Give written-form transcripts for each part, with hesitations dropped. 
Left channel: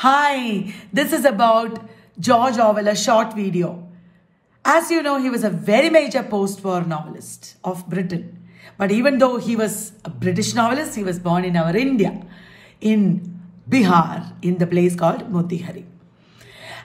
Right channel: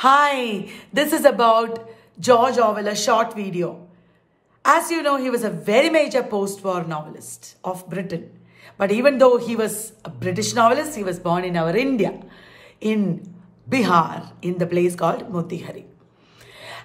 Hi, this is about George Orwell, a short video. As you know, he was a very major post-war novelist of Britain. But even though he was a British novelist, he was born in our India, in Bihar, in the place called Motihari.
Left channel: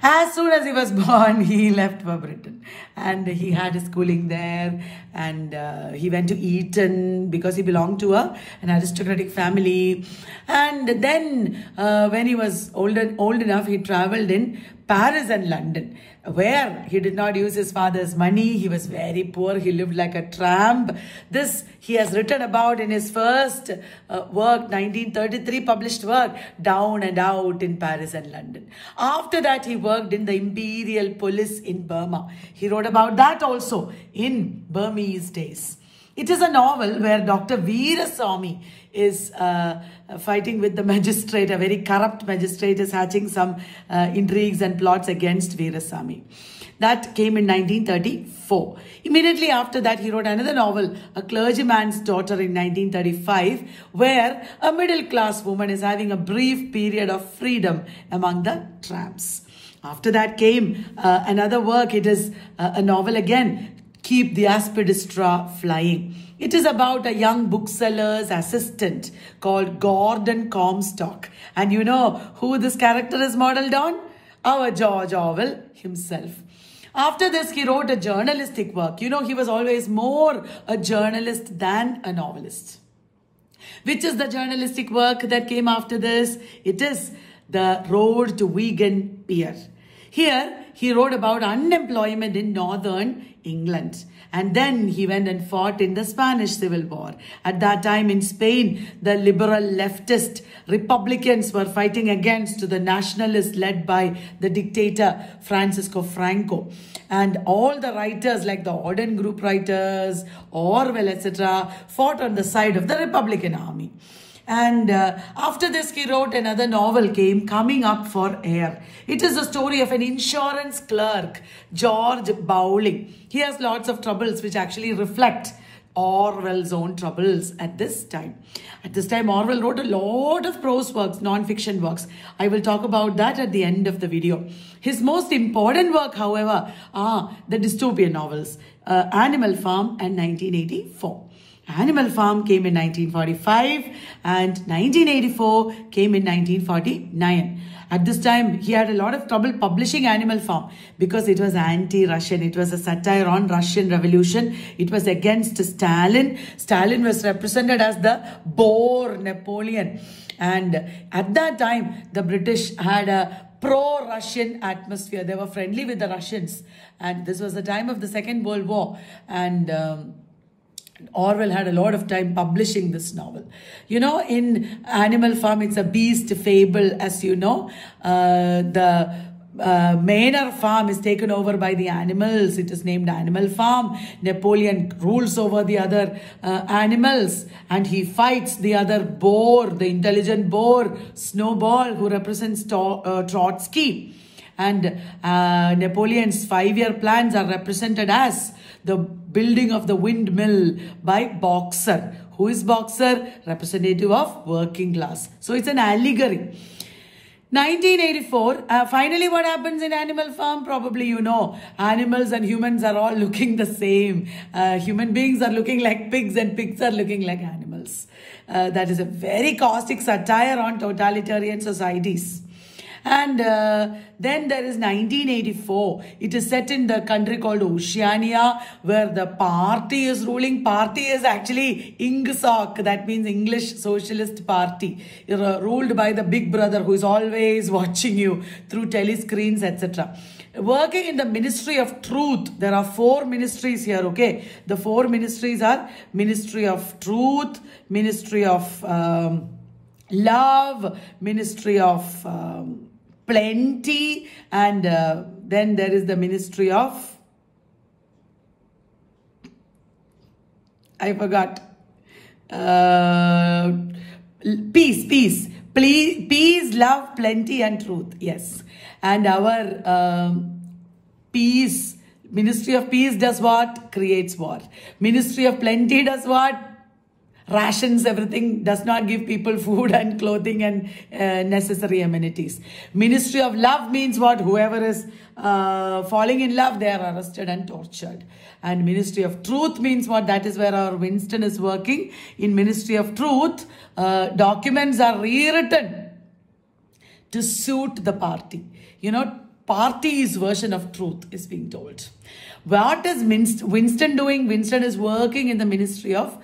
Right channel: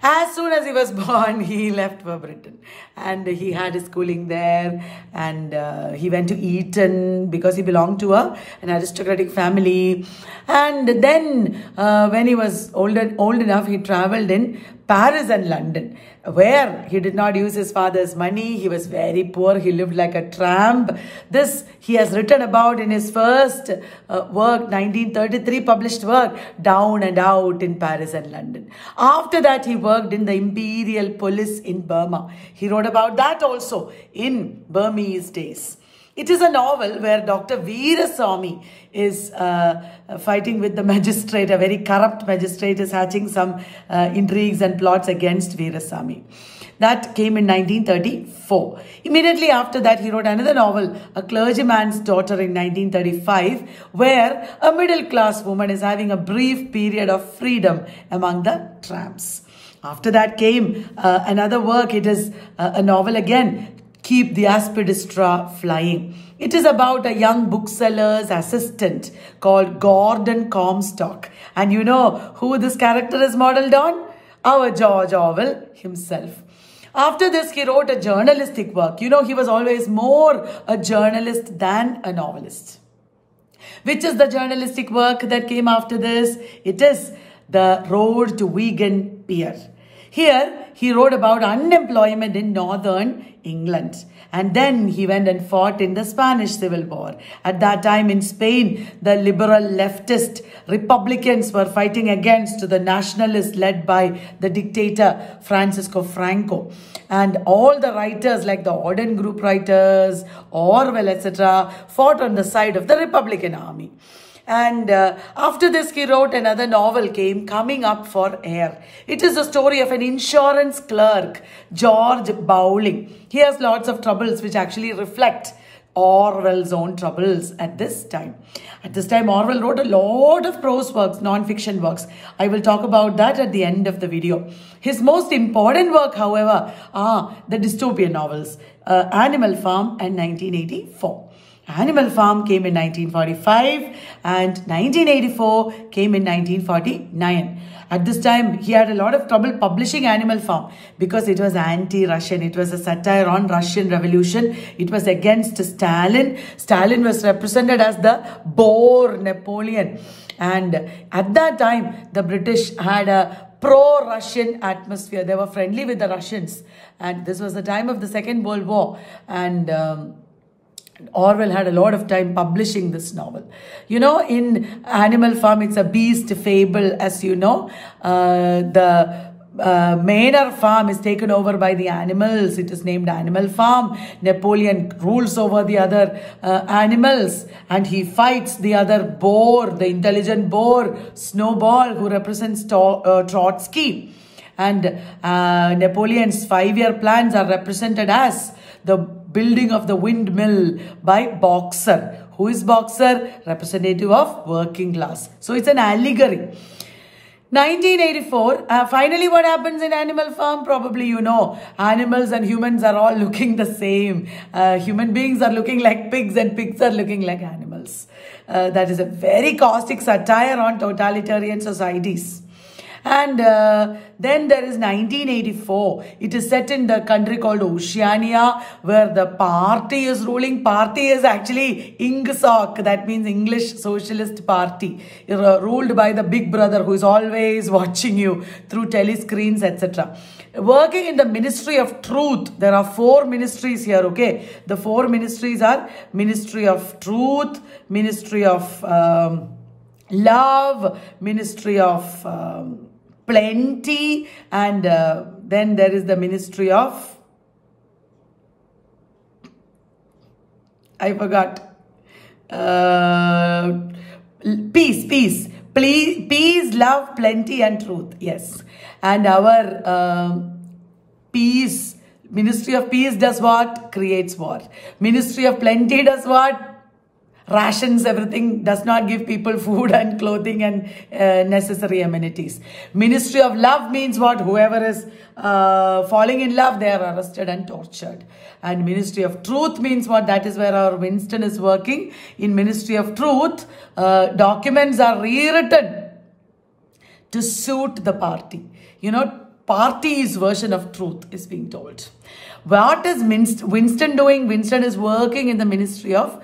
As soon as he was born, he left for Britain and he had his schooling there, and he went to Eton because he belonged to an aristocratic family. And then when he was old enough, he travelled in Paris and London, where he did not use his father's money. He was very poor. He lived like a tramp. This he has written about in his first work, 1933 published work, Down and Out in Paris and London. After that, he worked in the Imperial Police in Burma. He wrote about that also in Burmese days. It is a novel where Dr. Veerasamy is fighting with the magistrate. A very corrupt magistrate is hatching some intrigues and plots against Veerasamy. That came in 1934. Immediately after that, he wrote another novel, A Clergyman's Daughter, in 1935, where a middle-class woman is having a brief period of freedom among the tramps. After that came another work. It is a novel again, Keep the Aspidistra Flying. It is about a young bookseller's assistant called Gordon Comstock. And you know who this character is modeled on? Our George Orwell himself. After this, he wrote a journalistic work. You know, he was always more a journalist than a novelist. Which is the journalistic work that came after this? It is The Road to Vegan Beer. Here, he wrote about unemployment in northern England. And then he went and fought in the Spanish Civil War. At that time in Spain, the liberal leftist Republicans were fighting against the nationalists led by the dictator Francisco Franco. And all the writers like the Orden Group writers, Orwell, etc. fought on the side of the Republican army. And after this, he wrote another novel, Coming Up for Air. It is the story of an insurance clerk, George Bowling. He has lots of troubles which actually reflect Orwell's own troubles at this time. At this time, Orwell wrote a lot of prose works, non-fiction works. I will talk about that at the end of the video. His most important work, however, are the dystopian novels, Animal Farm and 1984. Animal Farm came in 1945 and 1984 came in 1949. At this time, he had a lot of trouble publishing Animal Farm because it was anti-Russian. It was a satire on Russian Revolution. It was against Stalin. Stalin was represented as the Boer Napoleon. And at that time, the British had a pro-Russian atmosphere. They were friendly with the Russians. And this was the time of the Second World War. And Orwell had a lot of time publishing this novel. You know, in Animal Farm, it's a beast fable, as you know. The Manor farm is taken over by the animals. It is named Animal Farm. Napoleon rules over the other animals, and he fights the other boar, the intelligent boar, Snowball, who represents Trotsky. And Napoleon's 5-year plans are represented as the building of the windmill by Boxer. Who is Boxer? Representative of working class. So it's an allegory. 1984, finally what happens in Animal Farm? Probably you know, animals and humans are all looking the same. Human beings are looking like pigs and pigs are looking like animals. That is a very caustic satire on totalitarian societies. And then there is 1984. It is set in the country called Oceania, where the party is ruling. Party is actually INGSOC, that means English Socialist Party, ruled by the big brother who is always watching you through telescreens, etc. Working in the Ministry of Truth. There are 4 ministries here, okay? The 4 ministries are Ministry of Truth, Ministry of Love, Ministry of Plenty, and then there is the Ministry of, I forgot, peace, love, plenty and truth, yes. And our peace, Ministry of Peace does what? Creates war. Ministry of Plenty does what? rations everything, does not give people food and clothing and necessary amenities. Ministry of love means what? Whoever is falling in love, they are arrested and tortured. And Ministry of Truth means what? That is where our Winston is working. In Ministry of Truth, documents are rewritten to suit the party. You know, party's version of truth is being told. What is Winston doing? Winston is working in the Ministry of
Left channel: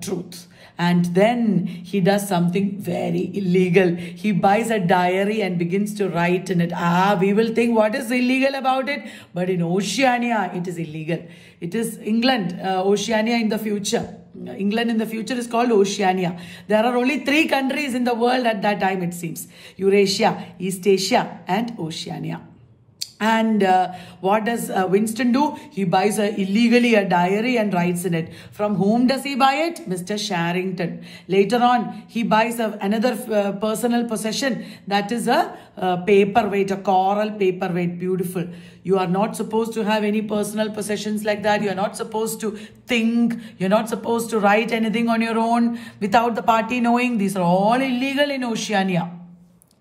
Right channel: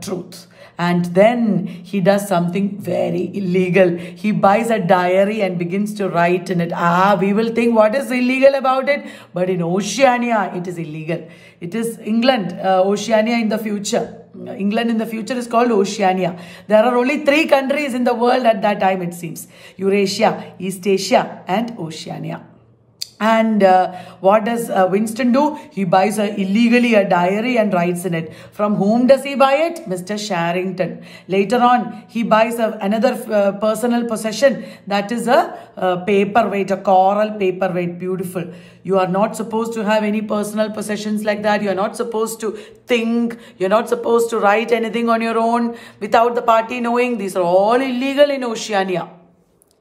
Truth. And then he does something very illegal. He buys a diary and begins to write in it. We will think what is illegal about it? But in Oceania, it is illegal. It is England, Oceania in the future. England in the future is called Oceania. There are only 3 countries in the world at that time, it seems. Eurasia, East Asia, and Oceania. And what does Winston do? He buys illegally a diary and writes in it. From whom does he buy it? Mr. Sharrington. Later on, he buys another personal possession. That is a paperweight, a coral paperweight. Beautiful. You are not supposed to have any personal possessions like that. You are not supposed to think. You're not supposed to write anything on your own without the party knowing. These are all illegal in Oceania.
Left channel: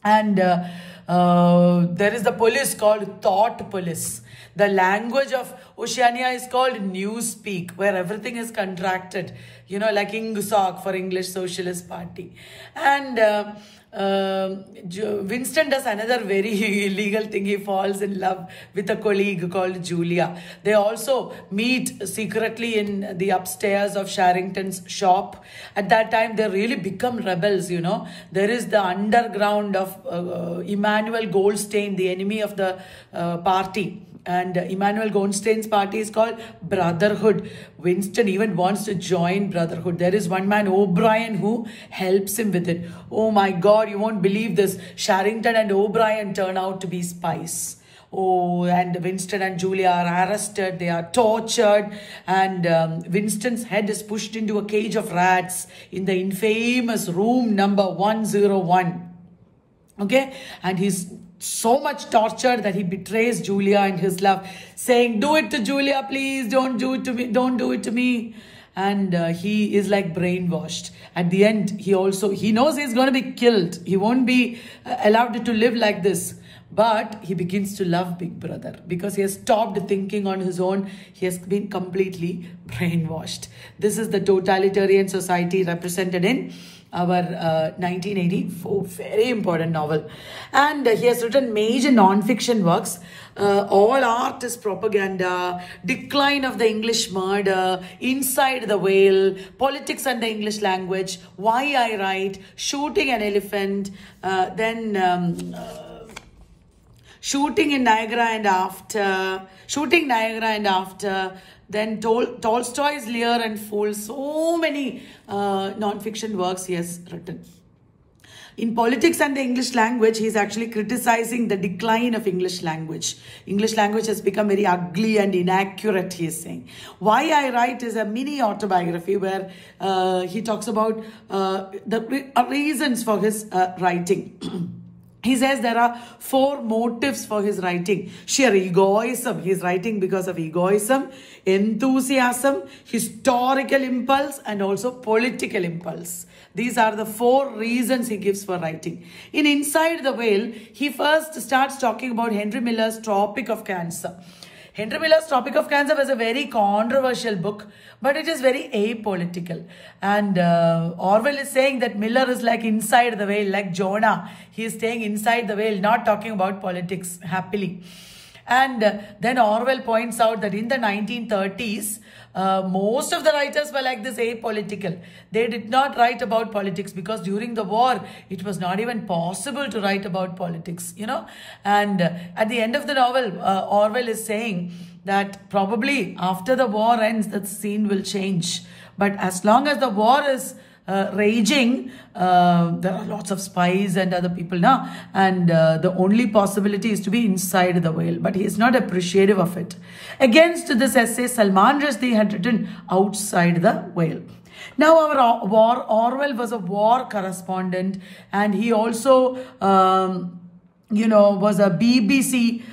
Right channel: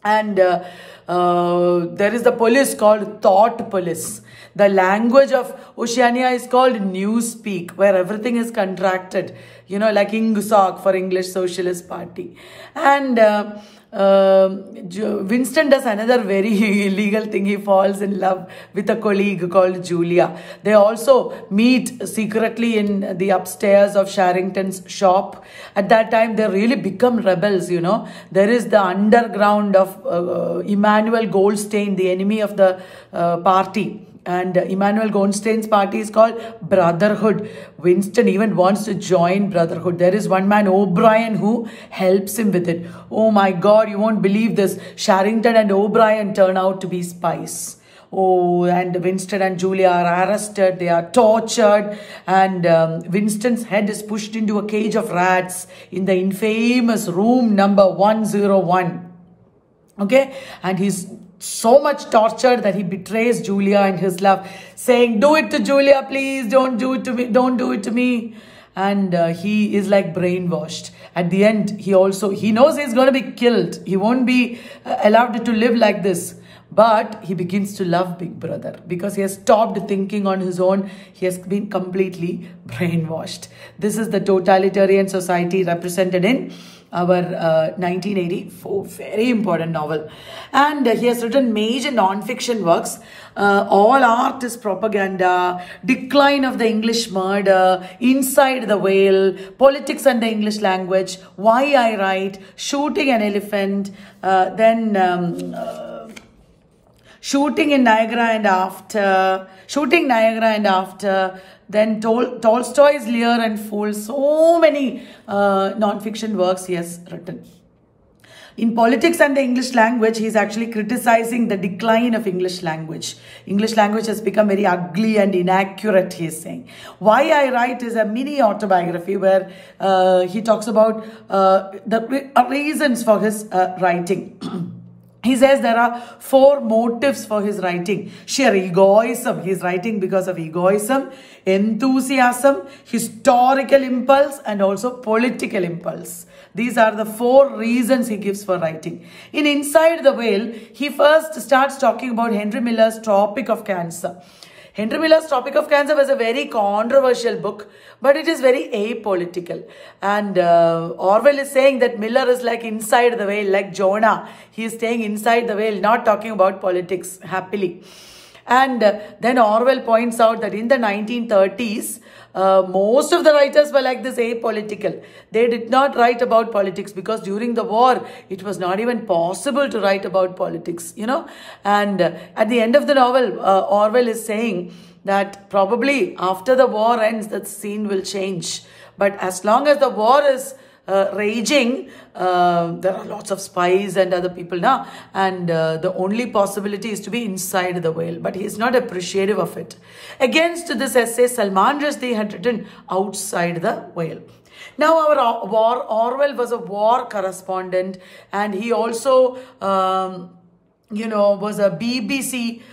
And there is the police called Thought Police. The language of Oceania is called Newspeak, where everything is contracted. You know, like Ingsoc for English Socialist Party. And Winston does another very illegal thing. He falls in love with a colleague called Julia. They also meet secretly in the upstairs of Sharrington's shop. At that time, they really become rebels, you know. There is the underground of Emmanuel Goldstein, the enemy of the party. And Emmanuel Goldstein's party is called Brotherhood. Winston even wants to join Brotherhood. There is one man, O'Brien, who helps him with it. Oh my God, you won't believe this. Sharrington and O'Brien turn out to be spies. Oh, and Winston and Julia are arrested. They are tortured. And Winston's head is pushed into a cage of rats in the infamous room number 101. Okay? And he's so much tortured that he betrays Julia and his love, saying, do it to Julia, please. Don't do it to me. Don't do it to me. And he is like brainwashed. At the end, he knows he's going to be killed. He won't be allowed to live like this. But he begins to love Big Brother because he has stopped thinking on his own. He has been completely brainwashed. This is the totalitarian society represented in our 1984 very important novel. And he has written major non-fiction works. All Art is Propaganda, Decline of the English Murder, Inside the Whale, Politics and the English Language, Why I Write, Shooting an Elephant, Shooting in Niagara and After, Shooting Niagara and After, then Tolstoy's Lear and Fool. So many non-fiction works he has written. In Politics and the English Language, he is actually criticizing the decline of English language. English language has become very ugly and inaccurate, he is saying. Why I Write is a mini autobiography where he talks about the reasons for his writing. He says there are 4 motives for his writing. Sheer egoism. He is writing because of egoism, enthusiasm, historical impulse, and also political impulse. These are the 4 reasons he gives for writing. In Inside the Whale, he first starts talking about Henry Miller's Tropic of Cancer. Henry Miller's Tropic of Cancer was a very controversial book, but it is very apolitical. And Orwell is saying that Miller is like inside the whale, like Jonah. He is staying inside the whale, not talking about politics happily. And then Orwell points out that in the 1930s, most of the writers were like this, apolitical. They did not write about politics because during the war, it was not even possible to write about politics, you know. And at the end of the novel, Orwell is saying that probably after the war ends, that scene will change. But as long as the war is raging, there are lots of spies and other people now. And the only possibility is to be inside the whale. But he is not appreciative of it. Against this essay, Salman Rushdie had written Outside the Whale. Now, Orwell was a war correspondent, and he also, was a BBC,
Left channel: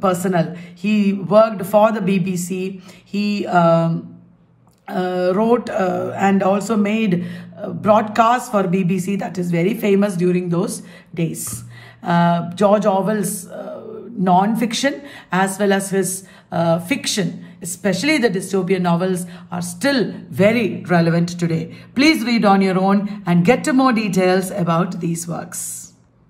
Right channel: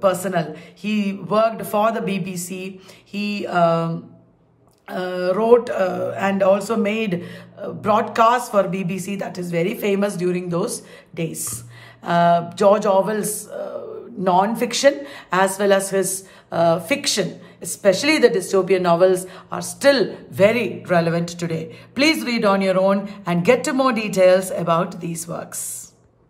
personnel. He worked for the BBC. He wrote and also made broadcasts for BBC that is very famous during those days. George Orwell's non-fiction as well as his fiction, especially the dystopian novels, are still very relevant today. Please read on your own and get to more details about these works.